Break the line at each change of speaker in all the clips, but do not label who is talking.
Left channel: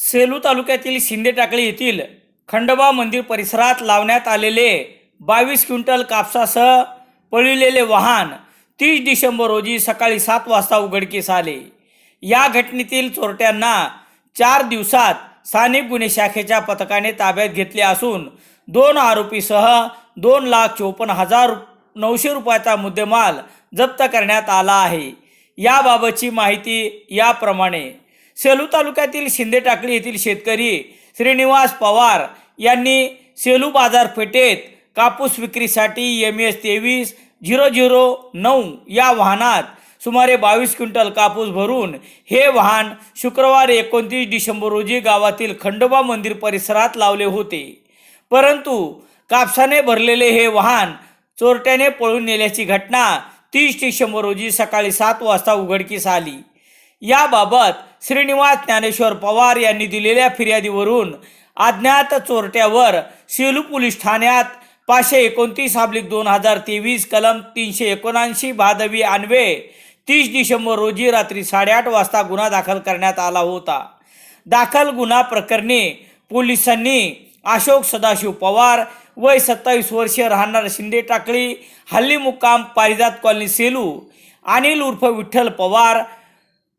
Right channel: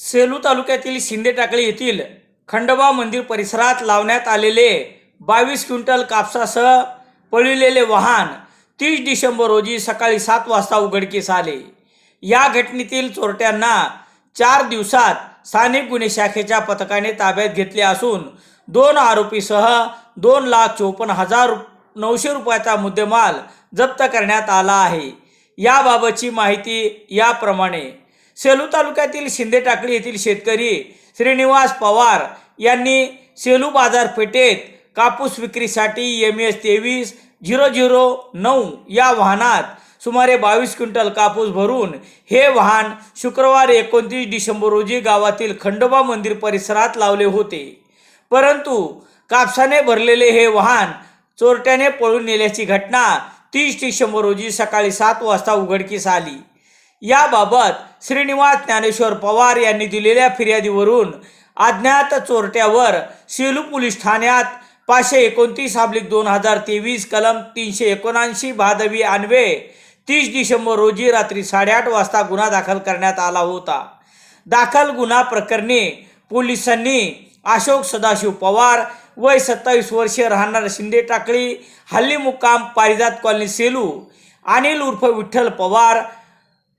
सेलू तालुक्यातील शिंदे टाकळी येथील खंडोबा मंदिर परिसरात लावण्यात आलेले बावीस क्विंटल कापसासह पळविलेले वाहन तीस डिसेंबर रोजी सकाळी सात वाजता उघडकीस आले. या घटनेतील चोरट्यांना चार दिवसात स्थानिक गुन्हे शाखेच्या पथकाने ताब्यात घेतले असून दोन आरोपीसह दोन लाख चोपन्न हजार नऊशे रुपयाचा मुद्देमाल जप्त करण्यात आला आहे. याबाबतची माहिती याप्रमाणे सेलू तालुक्यातील शिंदे टाकळी येथील शेतकरी श्रीनिवास पवार यांनी सेलू बाजारपेठेत कापूस विक्रीसाठी एम एस तेवीस झिरो झिरो नऊ या वाहनात सुमारे बावीस क्विंटल कापूस भरून हे वाहन शुक्रवार एकोणतीस डिसेंबर रोजी गावातील खंडोबा मंदिर परिसरात लावले होते. परंतु कापसाने भरलेले हे वाहन चोरट्याने पळून नेल्याची घटना तीस डिसेंबर रोजी सकाळी सात वाजता उघडकीस आली. याबाबत श्रीनिवास ज्ञानेश्वर पवार यांनी दिलेल्या फिर्यादीवरून अज्ञात चोरट्यावर सेलू पोलीस ठाण्यात पाचशे एकोणतीस अब्लिक दोन हजार तेवीस कलम तीनशे एकोणऐंशी भादवी आणवे तीस डिसेंबर रोजी रात्री साडेआठ वाजता गुन्हा दाखल करण्यात आला होता. दाखल गुन्हा प्रकरणी पोलिसांनी अशोक सदाशिव पवार वय सत्तावीस वर्षे राहणार शिंदे टाकळी हल्ली मुक्काम पारिजात कॉलनी सेलू अनिल उर्फ विठ्ठल पवार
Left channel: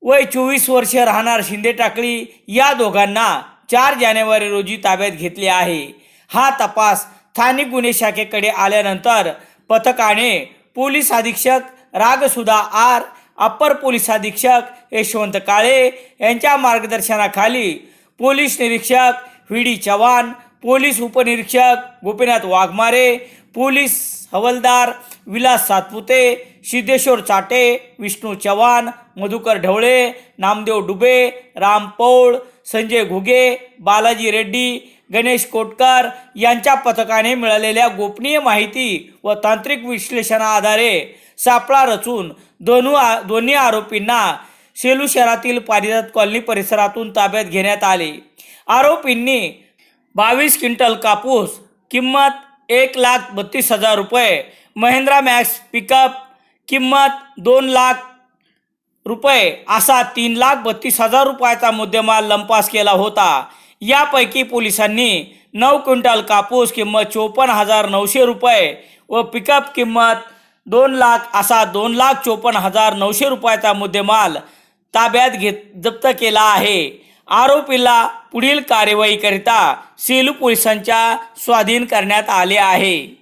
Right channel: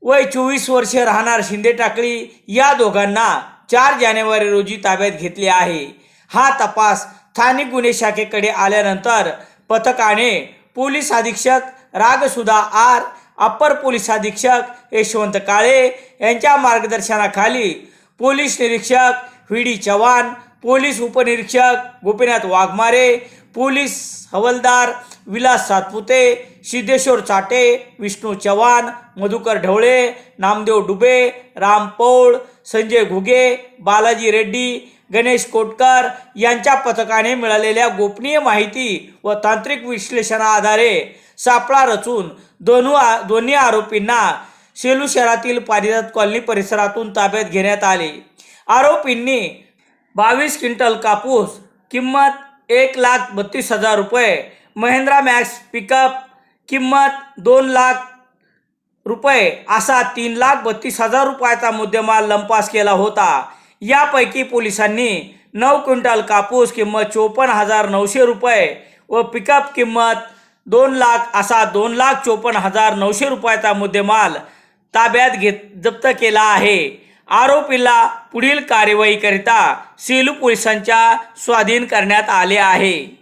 वय चोवीस वर्षे राहणार शिंदे टाकळी या दोघांना चार जानेवारी रोजी ताब्यात घेतले आहे. हा तपास स्थानिक गुन्हे शाखेकडे आल्यानंतर पथकाने पोलीस अधीक्षक रागसुधा आर अप्पर पोलीस अधीक्षक यशवंत काळे यांच्या मार्गदर्शनाखाली पोलीस निरीक्षक व्ही डी चव्हाण पोलीस उपनिरीक्षक गोपीनाथ वाघमारे पोलीस हवलदार विलास सातपुते सिद्धेश्वर चाटे विष्णू चव्हाण मधुकर ढवळे नामदेव डुबे राम पौळ संजय घुगे बालाजी रेड्डी गणेश कोटकर यांच्या पथकाने मिळालेल्या गोपनीय माहिती व तांत्रिक विश्लेषणाआधारे सापळा रचून दोनू दोन्ही आरोपींना सेलू शहरातील पारिजात कॉलनी परिसरातून ताब्यात घेण्यात आले. आरोपींनी बावीस क्विंटल कापूस किंमत एक लाख बत्तीस हजार रुपये. महिंद्रा मॅक्स पिकअप किंमत दोन लाख रुपये असा तीन लाख बत्तीस हजार रुपयाचा मुद्देमाल लंपास केला होता. यापैकी पोलिसांनी नऊ क्विंटल कापूस किंमत चोपन्न हजार नऊशे रुपये व पिकअप किंमत दोन लाख असा दोन लाख चोपन्न हजार नऊशे रुपयाचा मुद्देमाल ताब्यात घेत जप्त केला आहे. आरोपीला पुढील कार्यवाहीकरिता सेलू पोलिसांच्या स्वाधीन करण्यात आले आहे.